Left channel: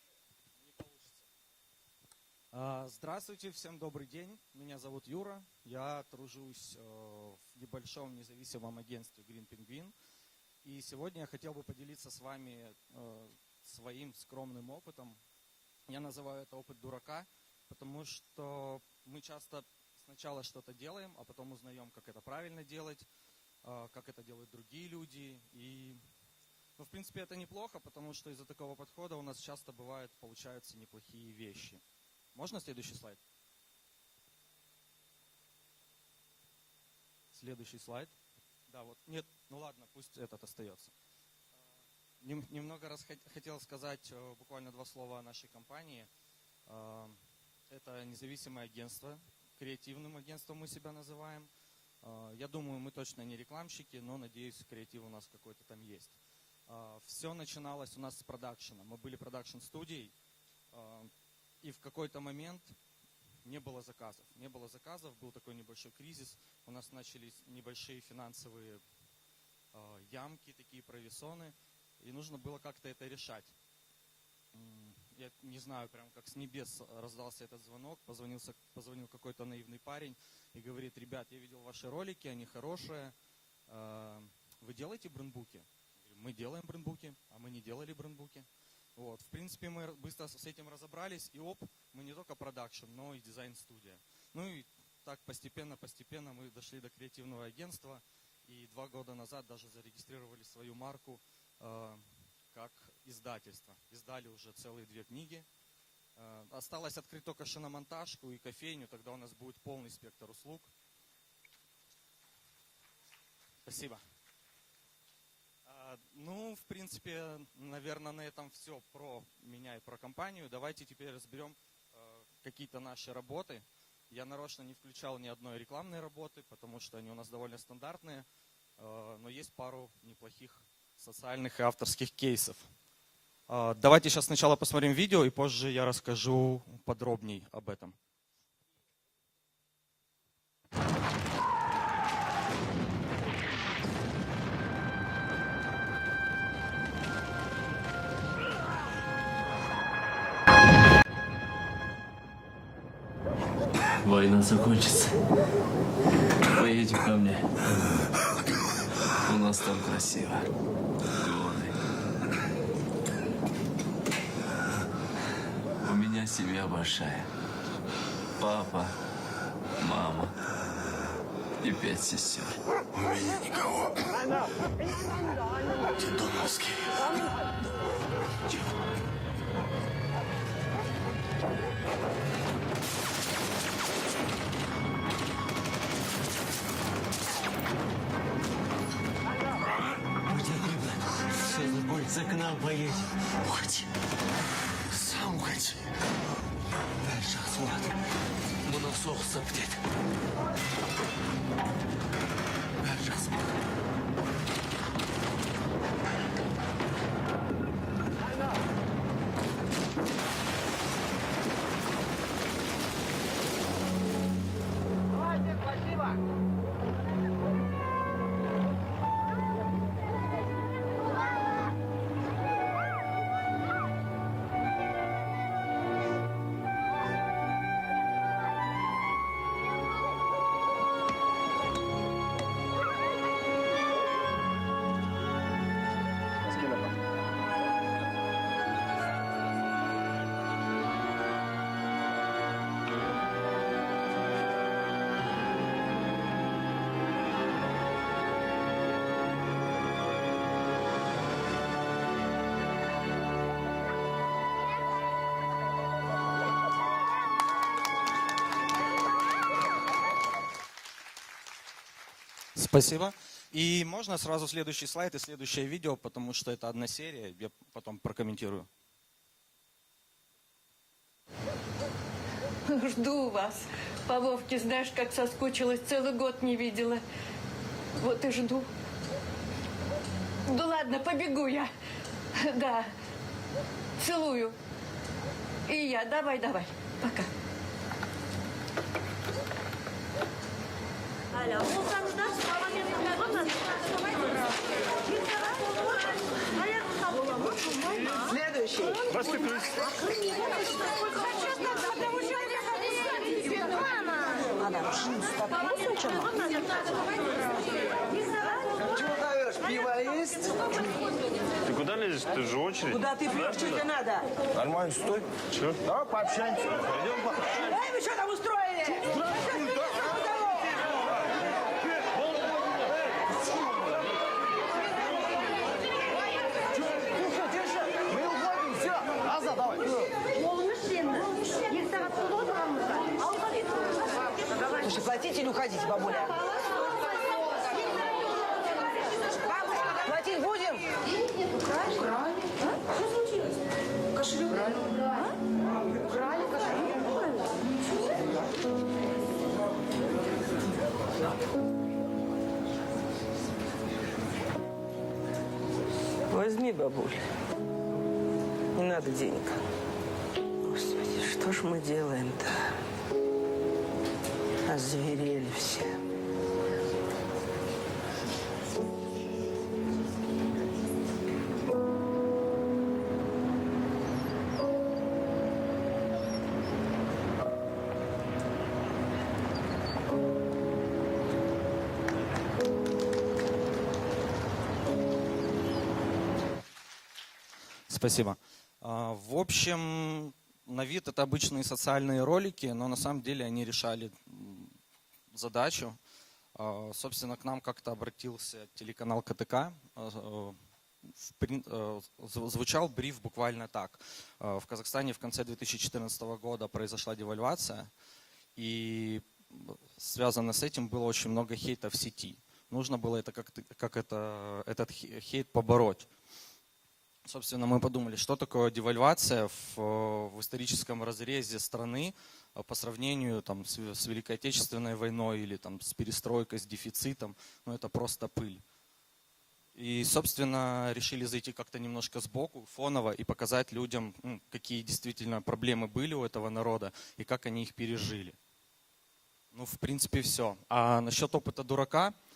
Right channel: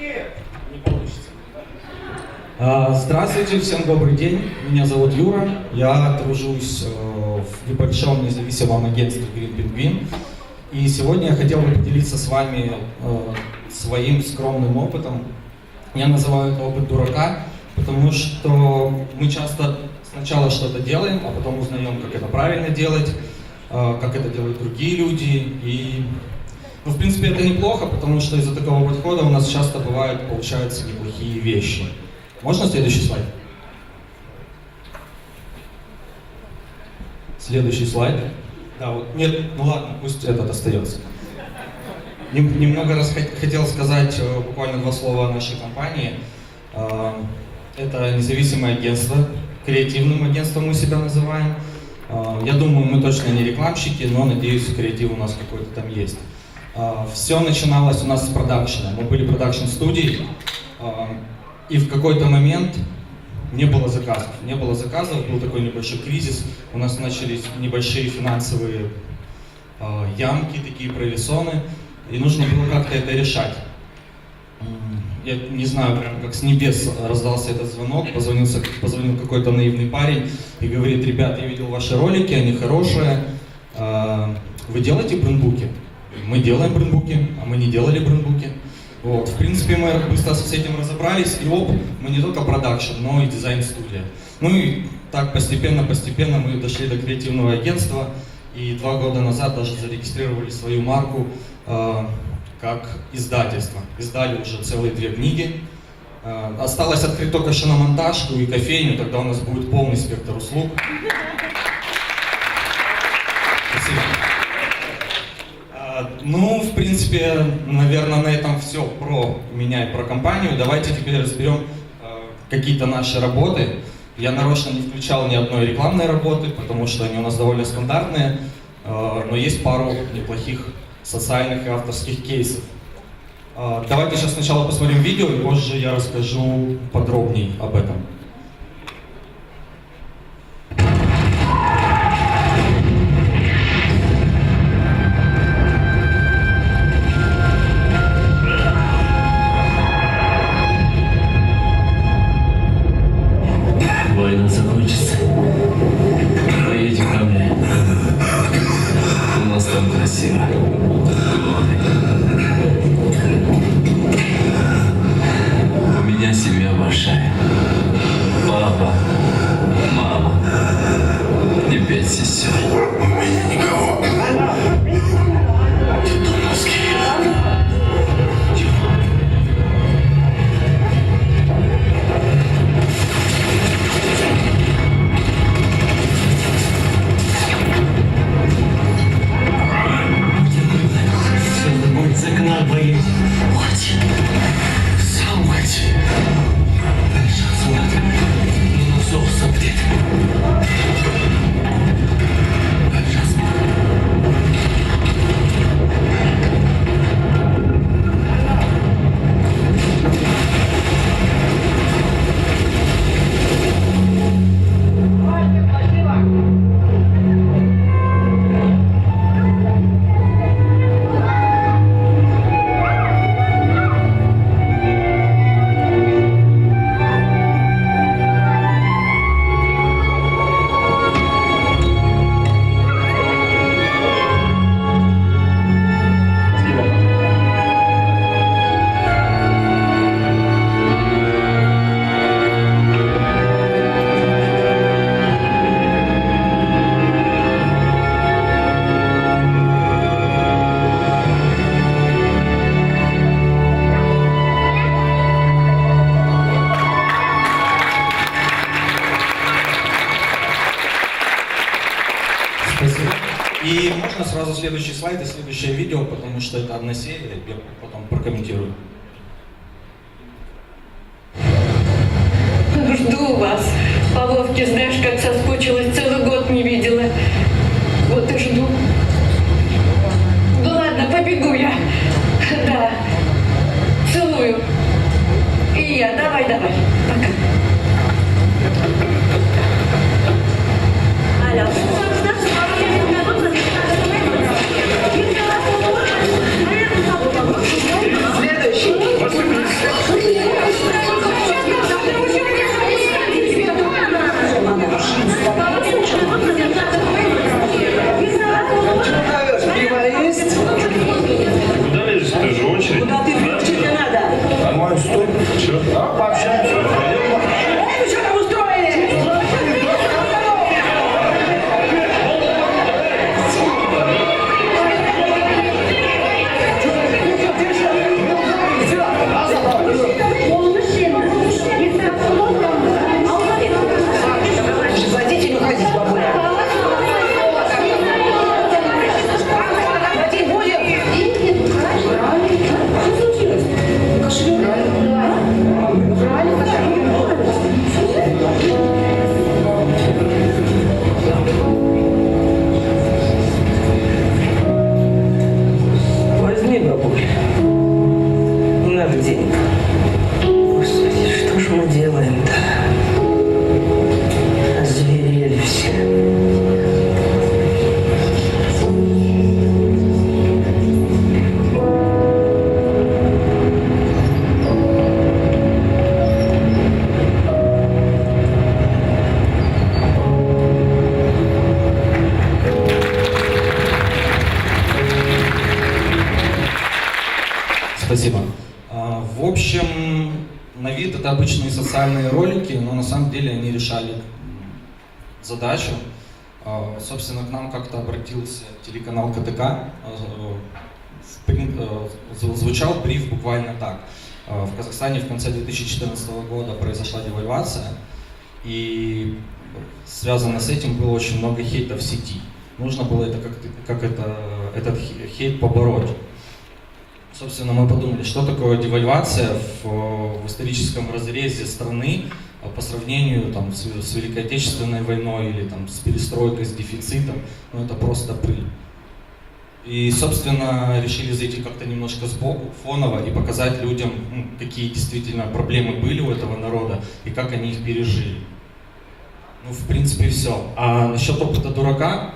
Не получится. Здравствуйте, всем добрый день. Меня зовут Юра. Я тружусь в небольшом независимом агентстве Green Penguin. И сегодня я хотел бы поделиться с вами своим скромным опытом. Я называю это опыт дурака, потому что мы часто сначала что-то делаем, а потом узнаем, как это правильно делать, как это делают другие люди. И, в принципе, это неплохо, потому что из-за такого подхода у нас часто бывают, получаются неплохие вещи. Можно следующий слайд? Следующий слайд. Да, вот, нет, ну ладно, пусть этот остается. Немного раз хотел сказать буквально 2 слова о нашей компании. Это независимое агентство, креативным агентством мы себя называем. Я думаю, мы точно не рекламщики, но надеюсь, креатив у нас какой-то там есть. Все начиналось у нас с продакшена. Мы были продакшн-студией, и в какой-то момент не было заказов, был такой небольшой кризис, у нас начались небольшие финансовые ямки, такие провисоны, и нужно было как-то это решать. Я не знаю, прям как с небес раздался этот звонок, позвонил какой-то наивный парень и говорит: ребят, я видел ваши ролики, они хорошие, вы делаете брендбуки? Мы делаем брендбуки, а мы не делали брендбуки. Вот. В принципе, мы быстро с этим разобрались, и мы не только продакшн, но и дизайн-студия. Ну и так постепенно мы дошли до креативного агентства, и 2 года назад даже зарегистрировали свою марку как издательство. Издали уже целые 2 книги. Осталось открыть только шиномонтажку и кофейню, тогда у нас будет полный спектр услуг. Спасибо. Ну, в принципе, наверное, на этом все про меня и про компанию. Давайте теперь разберем какие-то наши работы. Я нарочно не включал ни одной рекламной работы, потому что они у нас довольно стандартные, но есть пару неплохих социальных авторских кейсов. Давайте сейчас сначала посмотрим видео, и позже я расскажу подробнее об этом. Вы не забудьтесь. Поедете ко мне. У нас там красиво. У меня семья большая. Папа, мама и 5 сестер. У меня никого. Детдомовский. Мой сигнал боит. Салмати. Зов смотри. Спасибо. И можно сразу следующий слайд и следующее видео, потому что это на серии, я потом прокомментирую. Жду вас. Половки, знаешь, как соскучилась, целый год не видела. Вот и жду. Ну ладно, побегу я. Да. Целую. И я. Давай. Пока. Алло. Следующий. денег. Господи, что ж мы делаем-то? Озверели все. Спасибо. В общем, на вид это обычные социальные ролики, но на самом деле они решали задачу. Собственно, к нам как-то обратился телеканал КТК. Звучал бриф буквально так. В Казахстане в конце 2014 года произошла девальвация, и связано с этим было очень много хейта в сети. Нужно было этот хейт побороть. Собственно, мы подумали, что такое девальвация в историческом разрезе страны по сравнению там, с Великой Отечественной войной или там, с перестройкой, с дефицитом. Ну, это просто пыль. И, собственно, решили зайти как-то немножко сбоку, фоново, и показать людям, какие действительно проблемы были у этого народа и как они их пережили. Ну, в принципе, все. А насчет опыта дурака,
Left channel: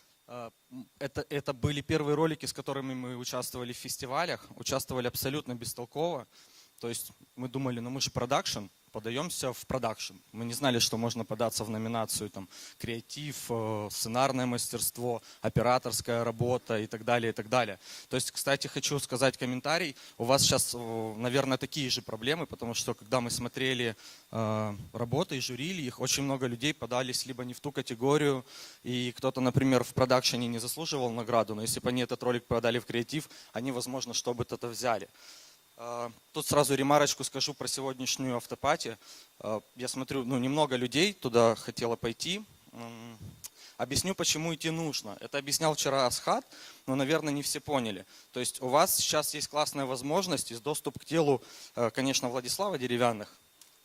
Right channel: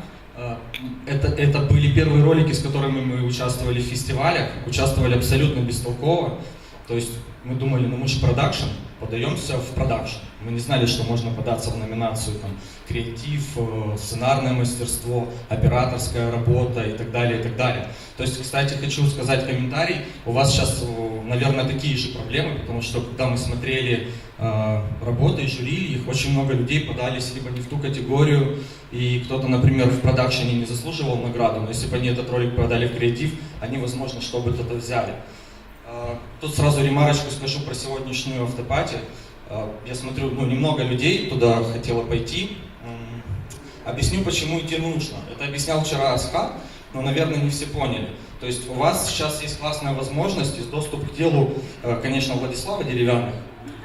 это были первые ролики, с которыми мы участвовали в фестивалях, участвовали абсолютно бестолково. То есть мы думали, мы же продакшн, продаемся в продакшн. Мы не знали, что можно податься в номинацию там, креатив, сценарное мастерство, операторская работа и так далее, и так далее. То есть, кстати, хочу сказать комментарий, у вас сейчас, наверное, такие же проблемы, потому что когда мы смотрели работы жюри, очень много людей подали себе не в ту категорию, и кто-то, например, в продакшене не заслуживал награду, но если бы они этот ролик продали в креатив, они, возможно, что-то взяли. Тут сразу ремарочку скажу про сегодняшнюю автопати. Я смотрю, немного людей туда хотело пойти. Объясню, почему идти нужно. Это объяснял вчера Асхат, но, наверное, не все поняли. То есть у вас сейчас есть классная возможность и доступ к делу, конечно, Владислава Деревянных.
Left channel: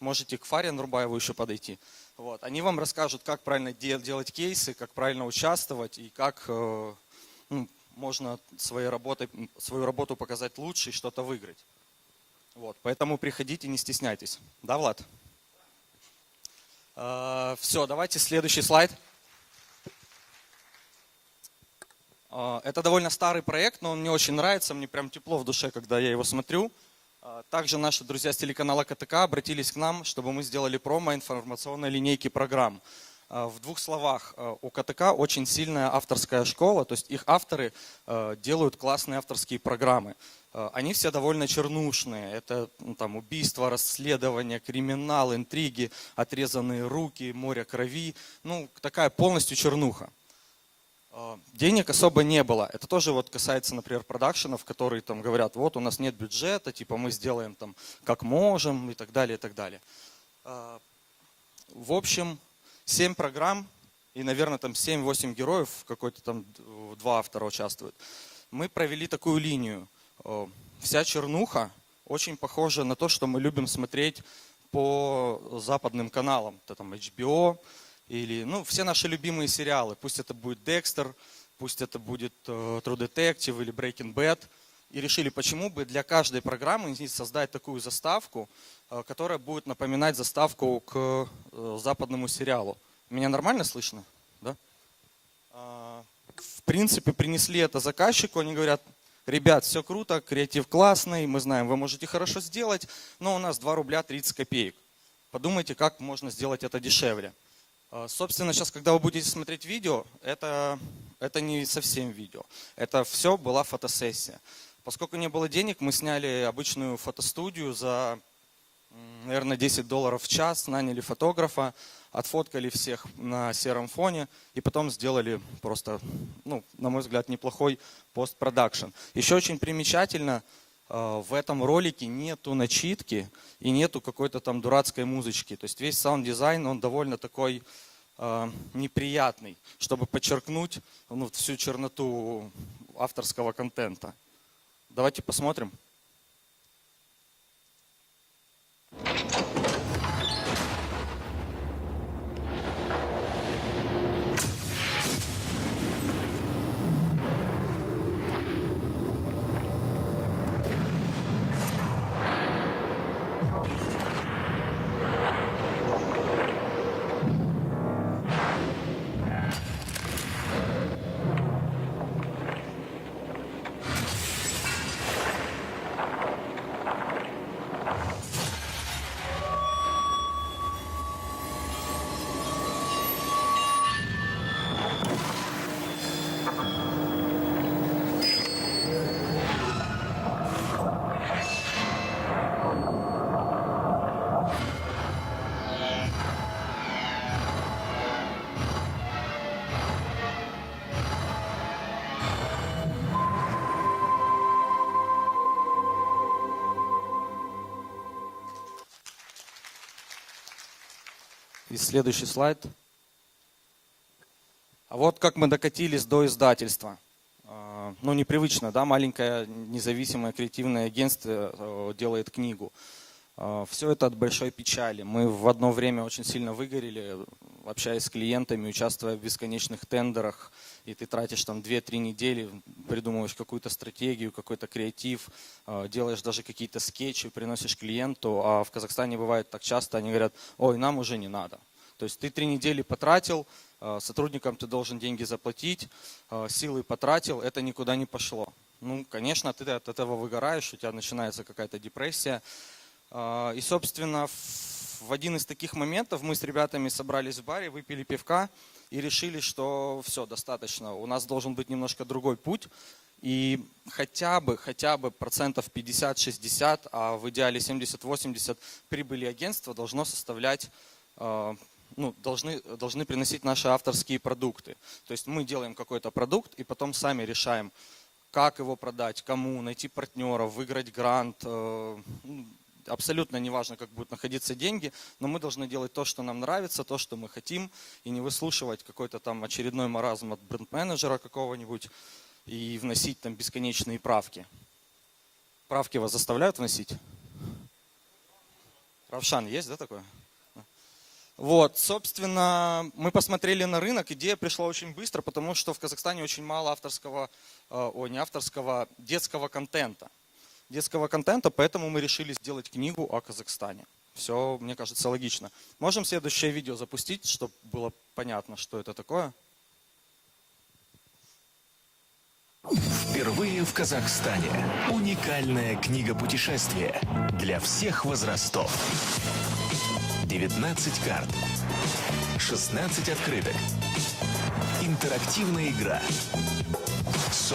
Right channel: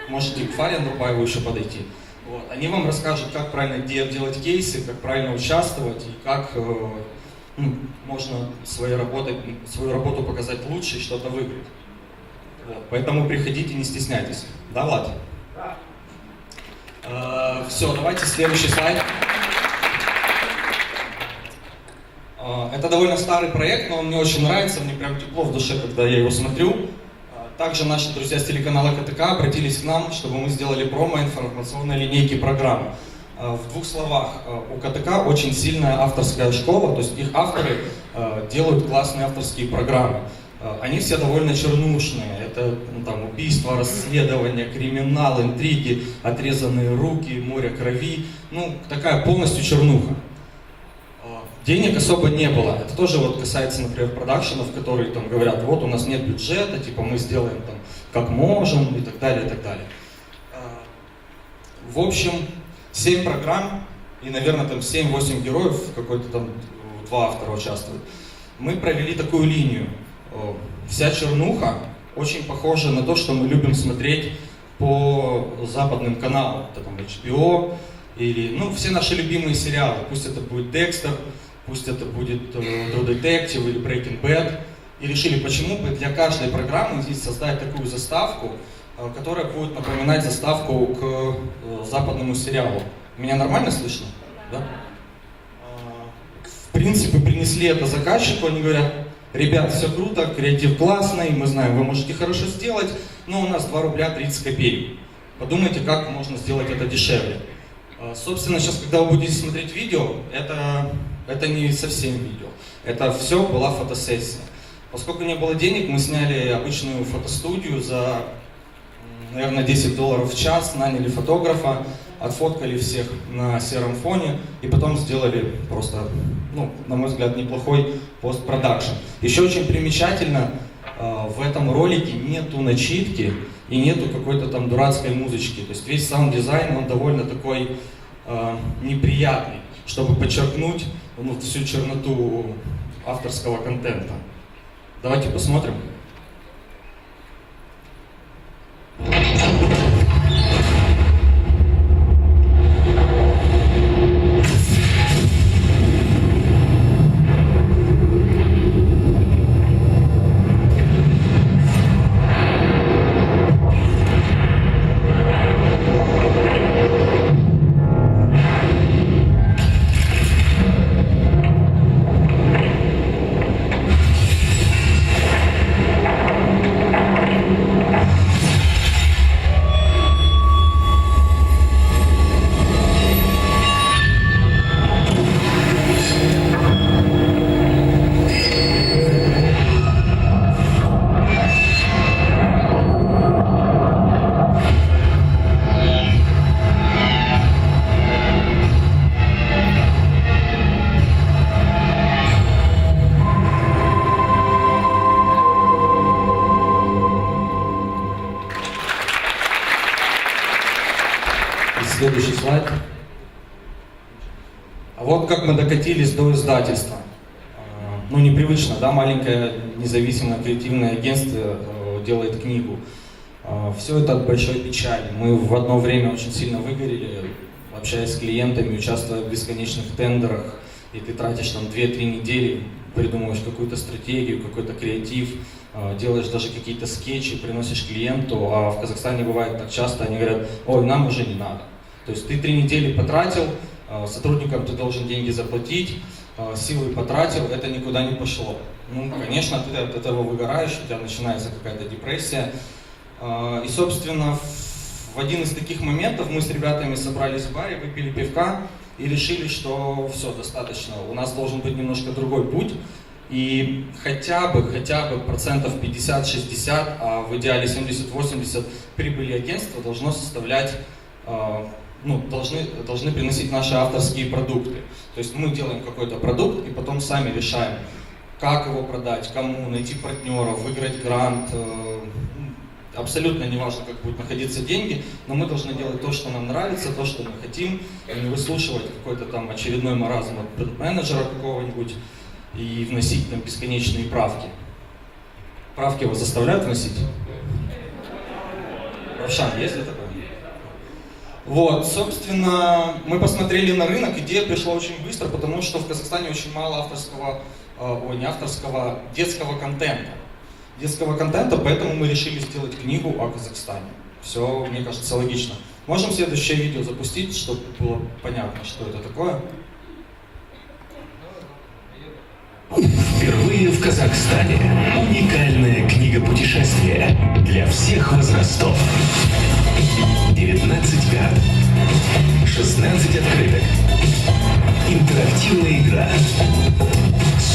Можете к Фаре Лупаеву еще подойти. Вот. Они вам расскажут, как правильно делать кейсы, как правильно участвовать и как можно свою работу показать лучше и что-то выиграть. Вот. Поэтому приходите, не стесняйтесь. Да, Влад? Все, давайте следующий слайд. Это довольно старый проект, но он мне очень нравится, мне прям тепло в душе, когда я его смотрю. Также наши друзья с телеканала КТК обратились к нам, чтобы мы сделали промо-информационные линейки программ. В двух словах, у КТК очень сильная авторская школа, то есть их авторы делают классные авторские программы. Они все довольно чернушные. Это там, убийства, расследования, криминал, интриги, отрезанные руки, море крови. Ну, такая полностью чернуха. Денег особо не было. Это тоже вот касается, например, продакшенов, которые там говорят, вот у нас нет бюджета, типа мы сделаем там, как можем и так далее, и так далее. В общем, 7 программ, и, наверное, там 7-8 героев, какой-то там 2 автора участвуют. Мы провели такую линию. Вся чернуха очень похожа на то, что мы любим смотреть по западным каналам, таком HBO, и все наши любимые сериалы, пусть это будет Декстер, пусть это будет True Detective или Breaking Bad. И решили, почему для каждой программы здесь создать такую заставку, которая будет напоминать заставку к западному сериалу. Меня нормально слышно? Да? В принципе, принесли это заказчику, они говорят, ребята, все круто, креатив классный, мы знаем, вы можете хорошо сделать, но у нас 2 рубля 30 копеек. Подумайте, как можно сделать это дешевле. Собственно, сейчас, когда вы будете смотреть видео, это не совсем видео. Это все была фотосессия. Поскольку не было денег, мы сняли обычную фотостудию за, наверное, $10 в час, наняли фотографа, отфоткали всех на сером фоне и потом сделали просто, на мой взгляд, неплохой постпродакшн. Еще очень примечательно, в этом ролике нету начитки и нету какой-то там дурацкой музычки. То есть весь саунд-дизайн, он довольно такой неприятный, чтобы подчеркнуть всю черноту авторского контента. Давайте посмотрим. Следующий слайд. Вот как мы докатились до издательства. Ну, непривычно, да, маленькое независимое коллективное агентство делает книгу. Все это от большой печали. Мы в одно время очень сильно выгорели, общаясь с клиентами, участвуя в бесконечных тендерах, и ты тратишь там 2-3 недели, придумываешь какую-то стратегию, какой-то креатив, делаешь даже какие-то скетчи, приносишь клиенту, а в Казахстане бывает так часто, они говорят: ой, нам уже не надо. То есть ты 3 недели потратил, сотрудникам ты должен деньги заплатить, силы потратил, это никуда не пошло. Ну, конечно, ты от этого выгораешь, у тебя начинается какая-то депрессия. И, собственно, в один из таких моментов мы с ребятами собрались в баре, выпили пивка и решили, что все, достаточно, у нас должен быть немножко другой путь. И хотя бы процентов 50-60, а в идеале 70-80 прибыли агентства должно составлять, должны приносить наши авторские продукты. То есть мы делаем какой-то продукт и потом сами решаем, как его продать, кому, найти партнеров, выбрать грант. Абсолютно не важно, как будут находиться деньги, но мы должны делать то, что нам нравится, то, что мы хотим, и не выслушивать какой-то там очередной маразм от менеджера какого-нибудь и вносить на бесконечные правки. Правки его заставляют вносить? Вообще, есть ли такое? Вот, собственно, мы посмотрели на рынок, идея пришла очень быстро, потому что в Казахстане очень мало детского контента, поэтому мы решили сделать книгу о Казахстане. Все, мне кажется, логично. Можем следующее видео запустить, чтобы было понятно, что это такое? Впервые в Казахстане уникальная книга путешествия для всех возрастов. 19 карт, 16 открыток, интерактивная игра,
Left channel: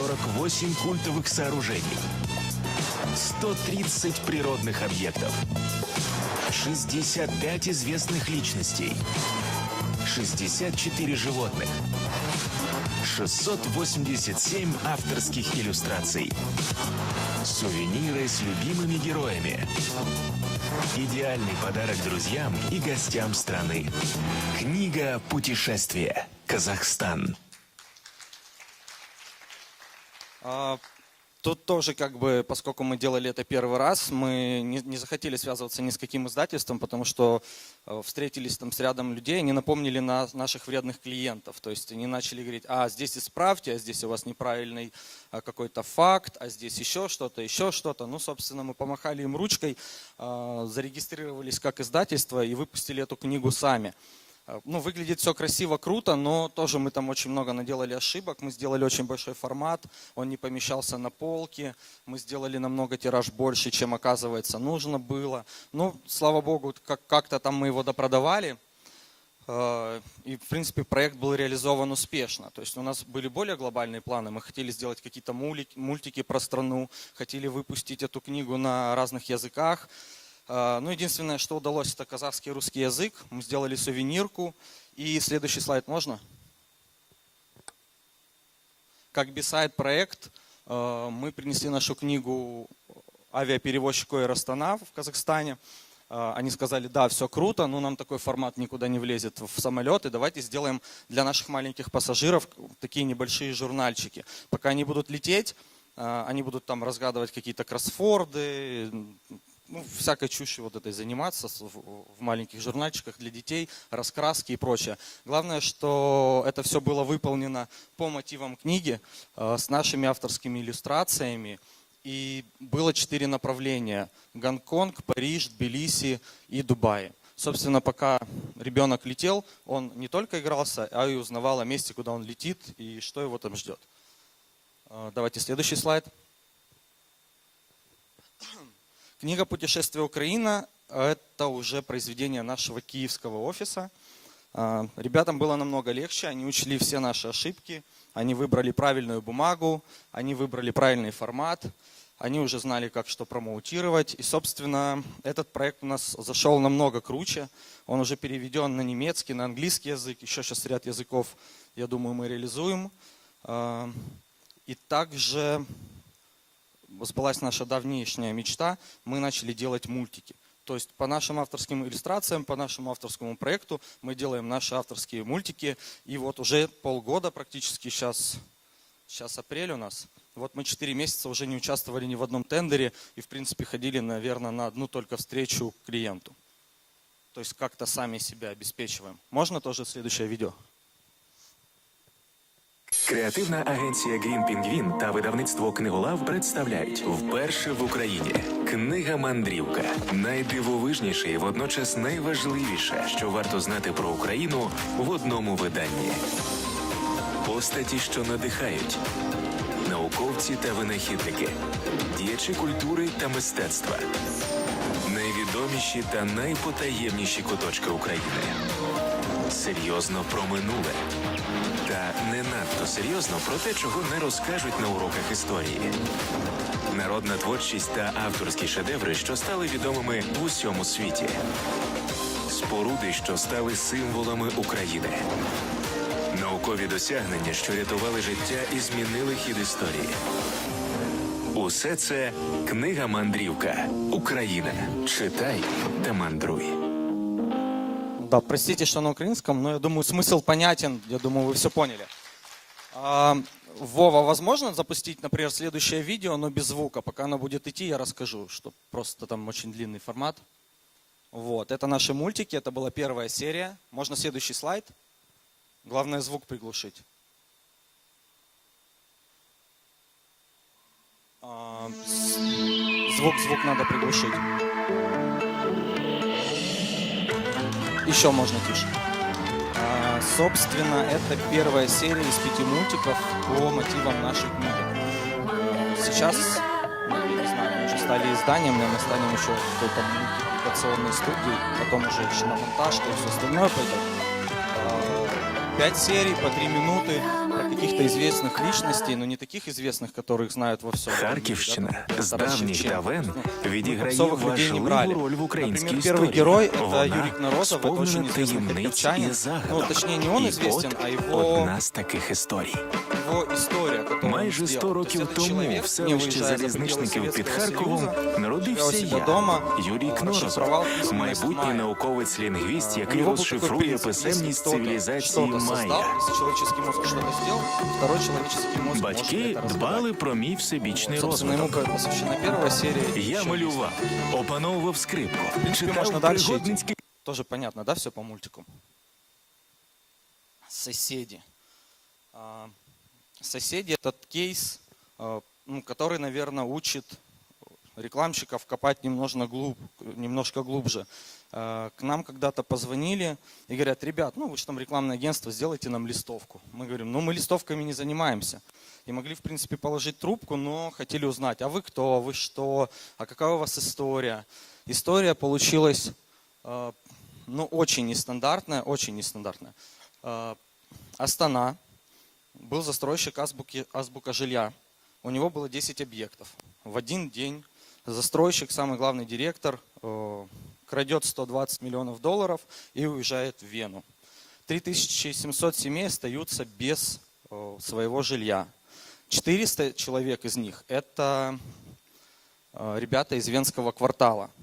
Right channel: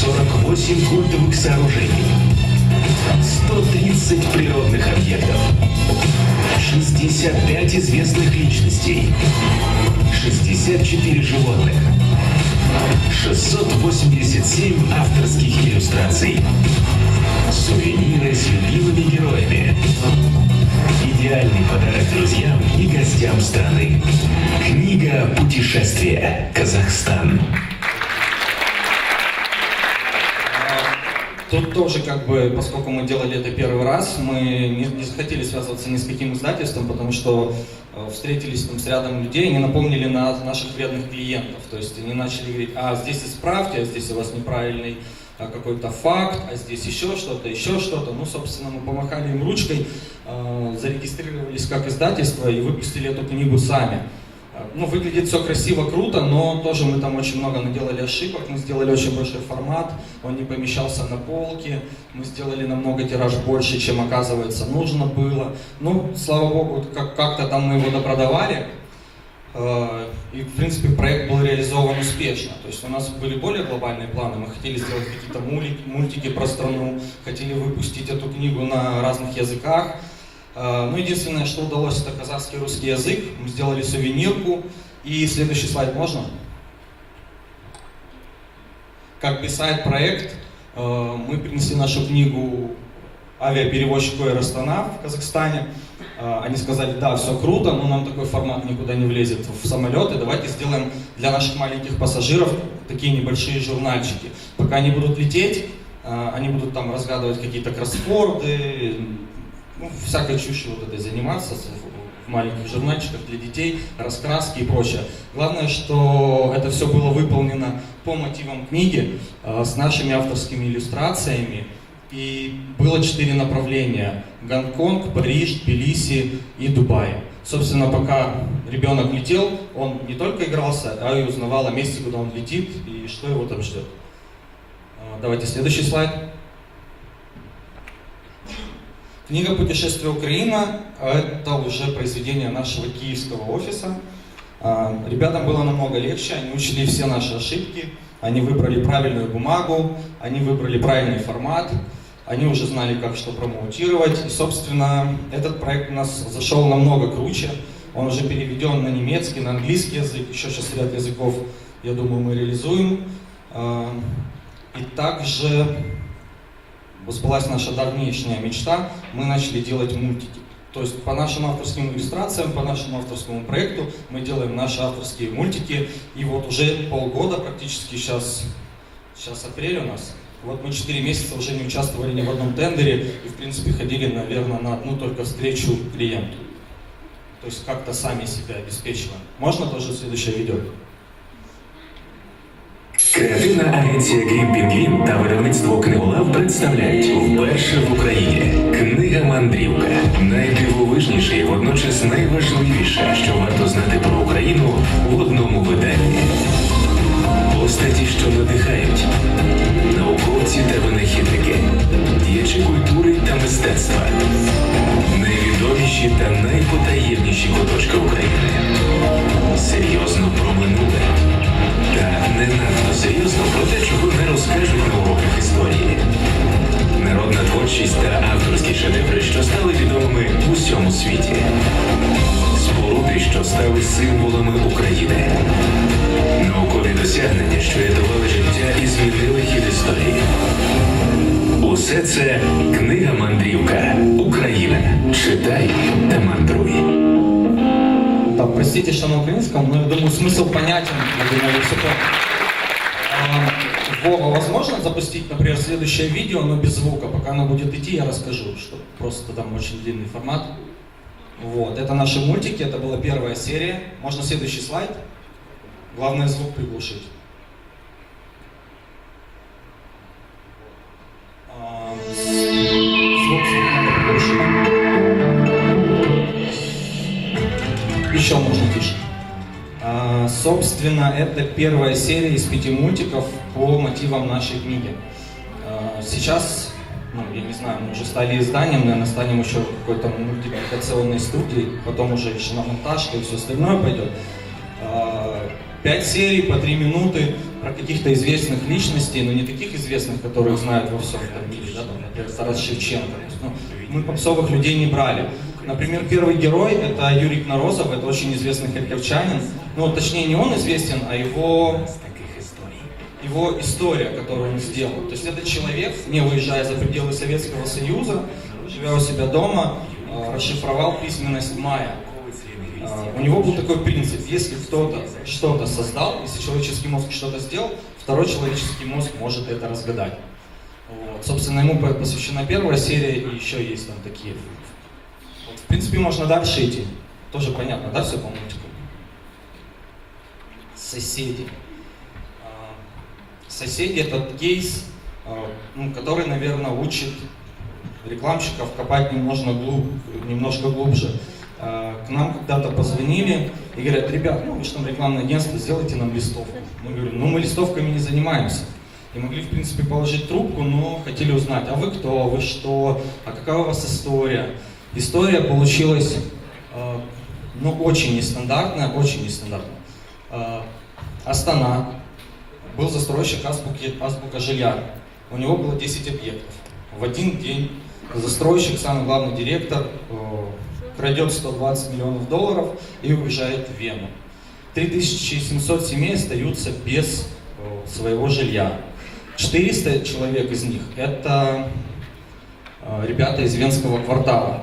48 культовых сооружений, 130 природных объектов, 65 известных личностей, 64 животных, 687 авторских иллюстраций, сувениры с любимыми героями. Идеальный подарок друзьям и гостям страны. Книга «Путешествие. Казахстан». Тут тоже, поскольку мы делали это первый раз, мы не захотели связываться ни с каким издательством, потому что встретились с рядом людей и напомнили на наших верных клиентов. То есть они начали говорить: а здесь исправьте, а здесь у вас неправильный какой-то факт, а здесь еще что-то. Ну, собственно, мы помахали им ручкой, зарегистрировались как издательство и выпустили эту книгу сами. Ну, выглядит все красиво, круто, но тоже мы там очень много наделали ошибок, мы сделали очень большой формат, он не помещался на полке, мы сделали намного тираж больше, чем, оказывается, нужно было. Ну, слава богу, как-то там мы его продавали, и, в принципе, проект был реализован успешно. То есть у нас были более глобальные планы, мы хотели сделать какие-то мультики про страну, хотели выпустить эту книгу на разных языках. Ну, единственное, что удалось, это казахский русский язык. Мы сделали сувенирку. И следующий слайд можно? Как писали проект, мы принесли нашу книгу авиаперевозчику Аэростана в Казахстане. Они сказали: да, все круто, но нам такой формат никуда не влезет в самолеты. Давайте сделаем для наших маленьких пассажиров такие небольшие журнальчики. Пока они будут лететь, они будут там разгадывать какие-то кроссворды, всякой чушью заниматься, в маленьких журнальчиках для детей, раскраски и прочее. Главное, что это все было выполнено по мотивам книги, с нашими авторскими иллюстрациями. И было 4 направления: Гонконг, Париж, Тбилиси и Дубай. Собственно, пока ребенок летел, он не только игрался, а и узнавал на месте, куда он летит и что его там ждет. Давайте следующий слайд. Книга «Путешествие Украина» — это уже произведение нашего киевского офиса. Ребятам было намного легче, они учили все наши ошибки, они выбрали правильную бумагу, они выбрали правильный формат, они уже знали, как что промоутировать. И, собственно, этот проект у нас зашел намного круче. Он уже переведен на немецкий, на английский язык, еще 6 языков, я думаю, мы реализуем. И также сбылась наша давнишняя мечта, мы начали делать мультики. То есть по нашим авторским иллюстрациям, по нашему авторскому проекту мы делаем наши авторские мультики, и вот уже полгода практически сейчас апрель у нас. Вот мы 4 месяца уже не участвовали ни в одном тендере, и в принципе ходили, наверное, на одну только встречу клиенту. То есть как-то сами себя обеспечиваем. Можно тоже следующее видео? Креативна агенція «Грім-Пінгвін» та видавництво «Книгла» представляють вперше в Україні книга «Мандрівка». Найдивовижніше і водночас найважливіше, що варто знати про Україну в одному виданні. Постаті, що надихають, науковці та винахідники, діячі культури та мистецтва, найвідоміші та найпотаємніші куточки України. Серйозно про минуле. Та не надто серйозно про те, чого не розкажемо в історії. Народна творчість та авторські шедеври, що стали відомими в усьому світі. Споруди, що стали символами України. Наукові досягнення, що рятували життя і змінили хід історії. Усе це книга «Мандрівка. Україна. Читай та мандруй». Да, простите, что на украинском, но я думаю, смысл понятен. Вова, возможно запустить, например, следующее видео, но без звука? Пока оно будет идти, я расскажу, что просто там очень длинный формат. Вот, это наши мультики, это была первая серия. Можно следующий слайд. Главное звук приглушить. Звук надо приглушить. Еще можно лучше. Собственно, это первая серия из 5 мультиков по мотивам нашей книги. Сейчас, я не знаю, мы уже стали изданием, мы станем еще какой-то красивой студии, потом уже еще на монтаж, то есть остальное пойдет. 5 серий по 3 минуты каких-то известных личностей, но не таких известных, которые знают просто. Харківщина, здачі Чавен, Особо людей не брали. Например, первый герой — это Юрий Морозов, это очень известный харьковчанин. Ну, точнее, не он известен, а его таких історій. история, которую он сделал. Этот человек не уезжает за пределы Советского Союза, сделал себя дома, шифровал письма с мая. Науковець лінгвіст, У него уже такой принцип. Есть история, что он создал, если человеческий мозг что-то сделал, второй человеческий мозг может это дбали рассказать. про мій всебічний Собственно, ему посвящена первая серия, Я еще есть. малював, опановував скрипку. В принципе, можно дальше идти. Тоже понятно, да, все по мультику? Соседи. Соседи — это кейс, который, наверное, учит рекламщиков копать немножко глубже. К нам когда-то позвонили и говорят: ребят, ну что там рекламное агентство, сделайте нам листовку. Мы говорим: ну мы листовками не занимаемся. И мы могли, в принципе, положить трубку, но хотели узнать, а вы кто, вы что, а какая у вас история. История получилась, очень нестандартная, очень нестандартная. Астана. Был застройщик азбука жилья. У него было 10 объектов. В один день застройщик, сам главный директор, крадет 120 миллионов долларов и уезжает в Вену. 3700 семей остаются без своего жилья. 400 человек из них — это ребята из Венского квартала.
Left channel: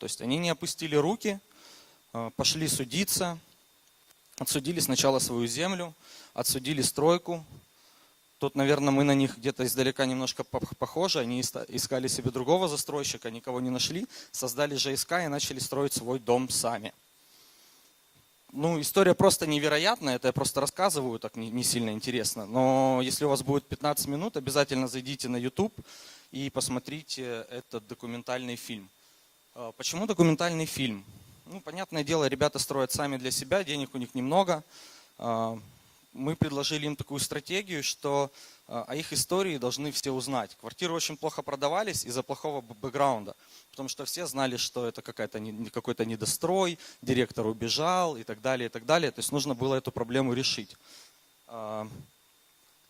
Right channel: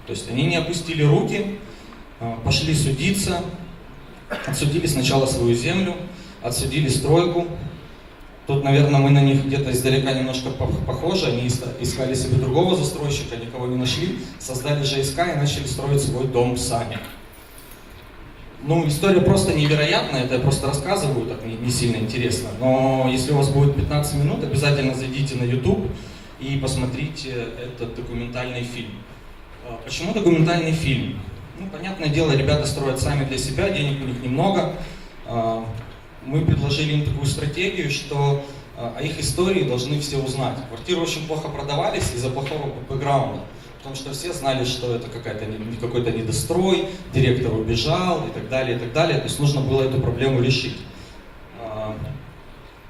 То есть они не опустили руки, пошли судиться, отсудили сначала свою землю, отсудили стройку. Тут, наверное, мы на них где-то издалека немножко похожи. Они искали себе другого застройщика, никого не нашли, создали ЖСК и начали строить свой дом сами. Ну, история просто невероятная, это я просто рассказываю, так не сильно интересно. Но если у вас будет 15 минут, обязательно зайдите на YouTube и посмотрите этот документальный фильм. Почему документальный фильм? Ну, понятное дело, ребята строят сами для себя, денег у них немного. Мы предложили им такую стратегию, что их истории должны все узнать. Квартиры очень плохо продавались из-за плохого бэкграунда. Потому что все знали, что это какой-то недострой, директор убежал и так далее, и так далее. То есть нужно было эту проблему решить.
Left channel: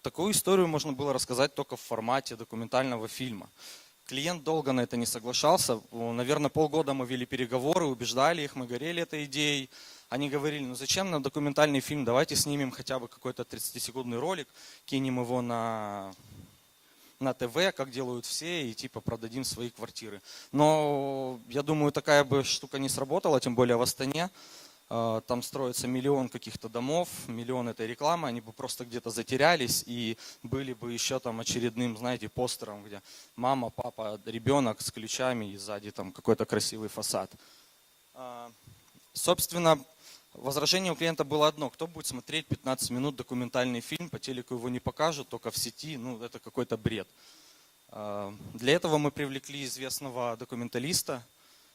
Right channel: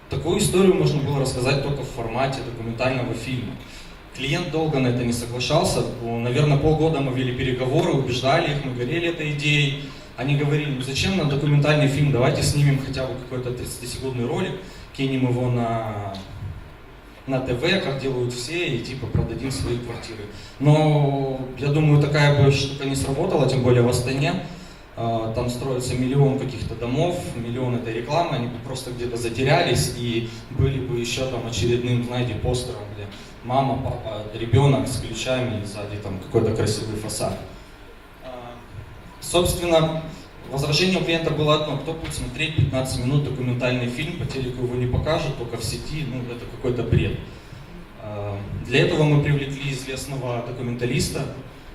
Такую историю можно было рассказать только в формате документального фильма. Клиент долго на это не соглашался. Наверное, полгода мы вели переговоры, убеждали их, мы горели этой идеей. Они говорили: ну зачем нам документальный фильм, давайте снимем хотя бы какой-то 10-секундный ролик, кинем его на ТВ, как делают все, и типа продадим свои квартиры. Но я думаю, такая бы больше что-то не сработало, тем более в Астане. Там строится миллион каких-то домов, миллионы для рекламы, они просто где-то затерялись, и были бы еще там очередным, знаете, постером, где мама, папа, ребенок с ключами, сзади там какой-то красивый фасад. Собственно, возражение у клиента было одно: кто будет смотреть 15 минут документальный фильм, по телеку его не покажут, только в сети, ну это какой-то бред. Для этого мы привлекли известного документалиста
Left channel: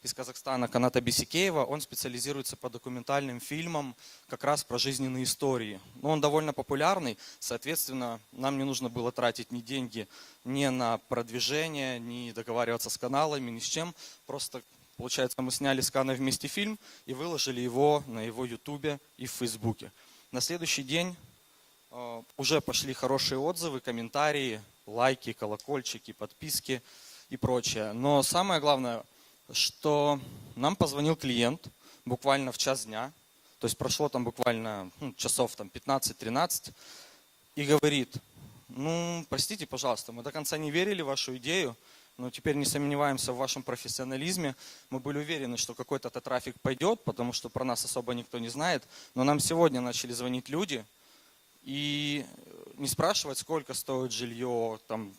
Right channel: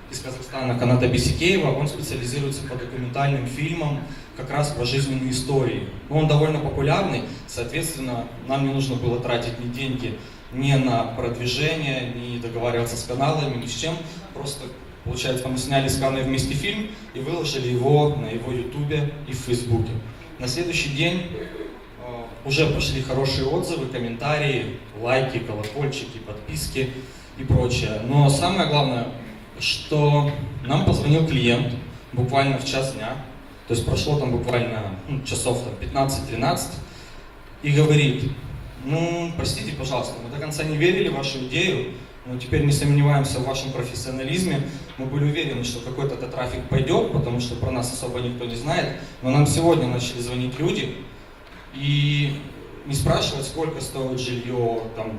из Казахстана Каната Бисикеева. Он специализируется по документальным фильмам, как раз по жизненной истории. Он довольно популярный, соответственно, нам не нужно было тратить ни деньги ни на продвижение, ни договариваться с каналами, ни с чем. Просто, получается, мы сняли с Канной вместе фильм и выложили его на его ютубе и в фейсбуке. На следующий день уже пошли хорошие отзывы, комментарии, лайки, колокольчики, подписки и прочее. Но самое главное, что нам позвонил клиент буквально в час дня, то есть прошло там буквально часов 15-12, и говорит: ну, простите, пожалуйста, мы до конца не верили в вашу идею, но теперь не сомневаемся в вашем профессионализме, мы были уверены, что какой-то трафик пойдет, потому что про нас особо никто не знает, но нам сегодня начали звонить люди и не спрашивать, сколько стоит жилье, там,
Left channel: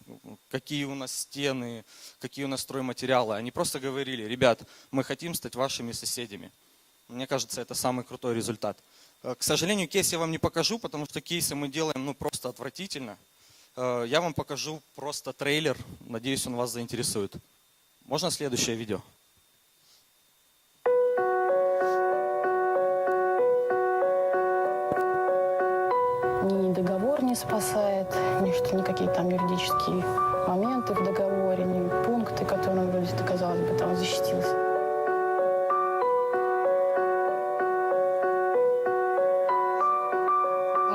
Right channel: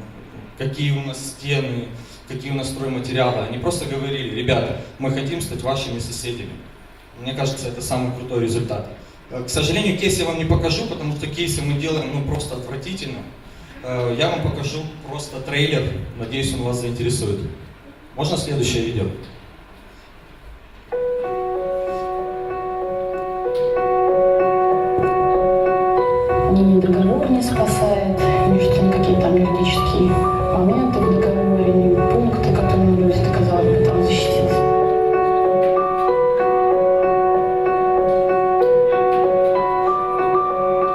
какие у нас стены, какие у нас стройматериалы. Они просто говорили: ребята, мы хотим стать вашими соседями. Мне кажется, это самый крутой результат. К сожалению, кейсы я вам не покажу, потому что кейсы мы делаем просто отвратительно. Я вам покажу просто трейлер, надеюсь, он вас заинтересует. Можно следующее видео? Ни договор не спасает, ни какие-то там юридические моменты в договоре, ни пункты, которые люди доказали, там защитить.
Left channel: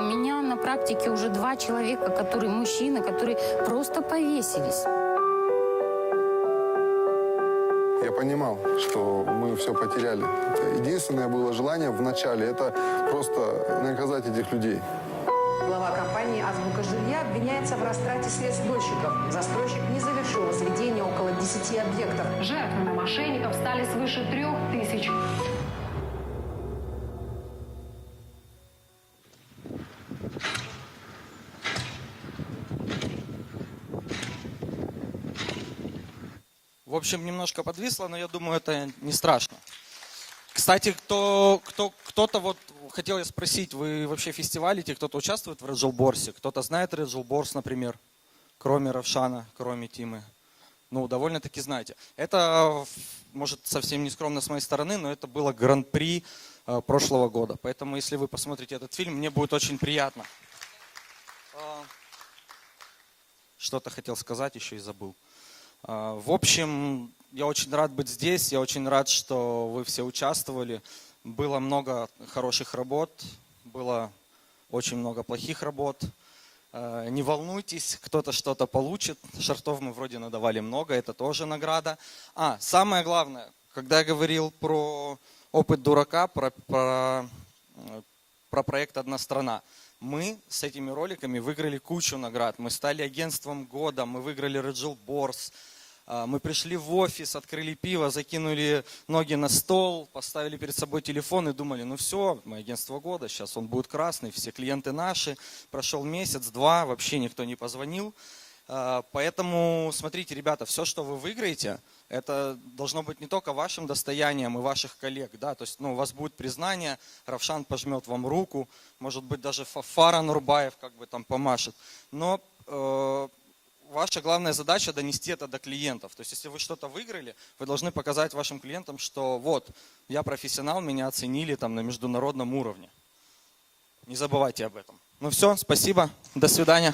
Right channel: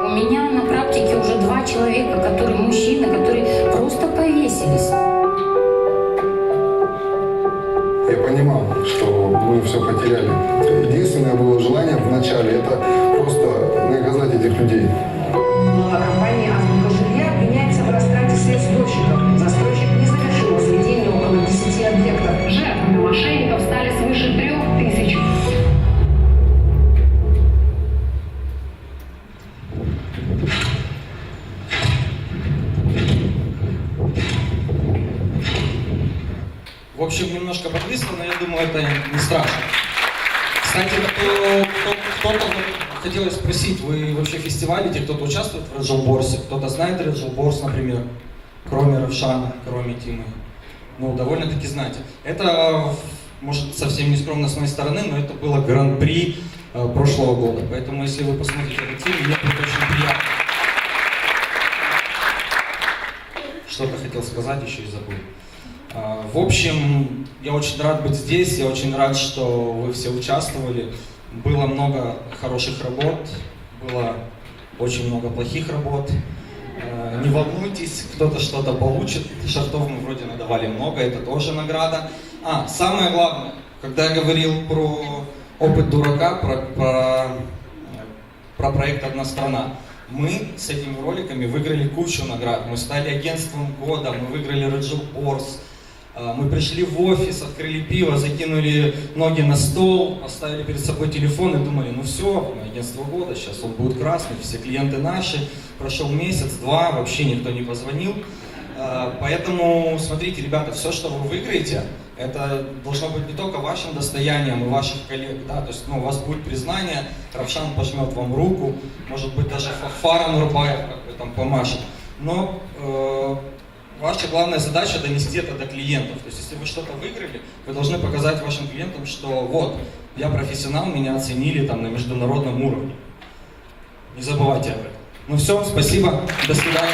У меня на практике уже 2 человека, которые мужчины, которые просто повесились. Я понимал, что мы все потеряли. Единственное было желание в начале — это просто наказать этих людей. Компания «Автомобильная» является образцом средств-источников. Застройщик не завершил возведение около 10 объектов. Жертвы мошенников стали свыше 3000. В общем, немножко подписано, но я думаю, это не страшно. Кстати, кто хотел спросить, вы вообще в фестивале, те, кто участвует в Рыжелборсе, кто-то знает Рыжелборс, например, кроме Рошана, кроме Тимы? Ну, довольно-таки знаете. Это, может, совсем не скромно с моей стороны, но это было гран-при прошлого года. Поэтому, если вы посмотрите этот фильм, мне будет очень приятно. Что-то хотел сказать, еще и забыл. В общем, я очень рад быть здесь, я очень рад, что вы все участвовали. Было много хороших работ, было очень много плохих работ. Не волнуйтесь, кто-то что-то получит. Шартов мы вроде надавали много, это тоже награда. Самое главное, когда я говорил про опыт дурака, про проект «Одна страна», мы с этими роликами выиграли кучу наград. Мы стали агентством года, мы выиграли Рыжелборс. Мы пришли в офис, открыли пиво, закинули ноги на стол, оставили перед собой телефон и думали: ну все, агентство года, сейчас он будет красный, все клиенты наши. Прошел месяц-два, вообще никто не позвонил. Поэтому, смотрите, ребята, все, что вы выиграете, это должно быть не только вашим достоянием, ваших коллег, да, то есть у вас будет признание, Равшан пожмет вам руку, может быть даже фар Нурбаев там помашет. Но ваша главная задача — донести это до клиентов. То есть, если вы что-то выиграли, вы должны показать вашим клиентам, что вот, я профессионал, меня оценили там на международном уровне. Не забывайте об этом. Ну все, спасибо, до свидания.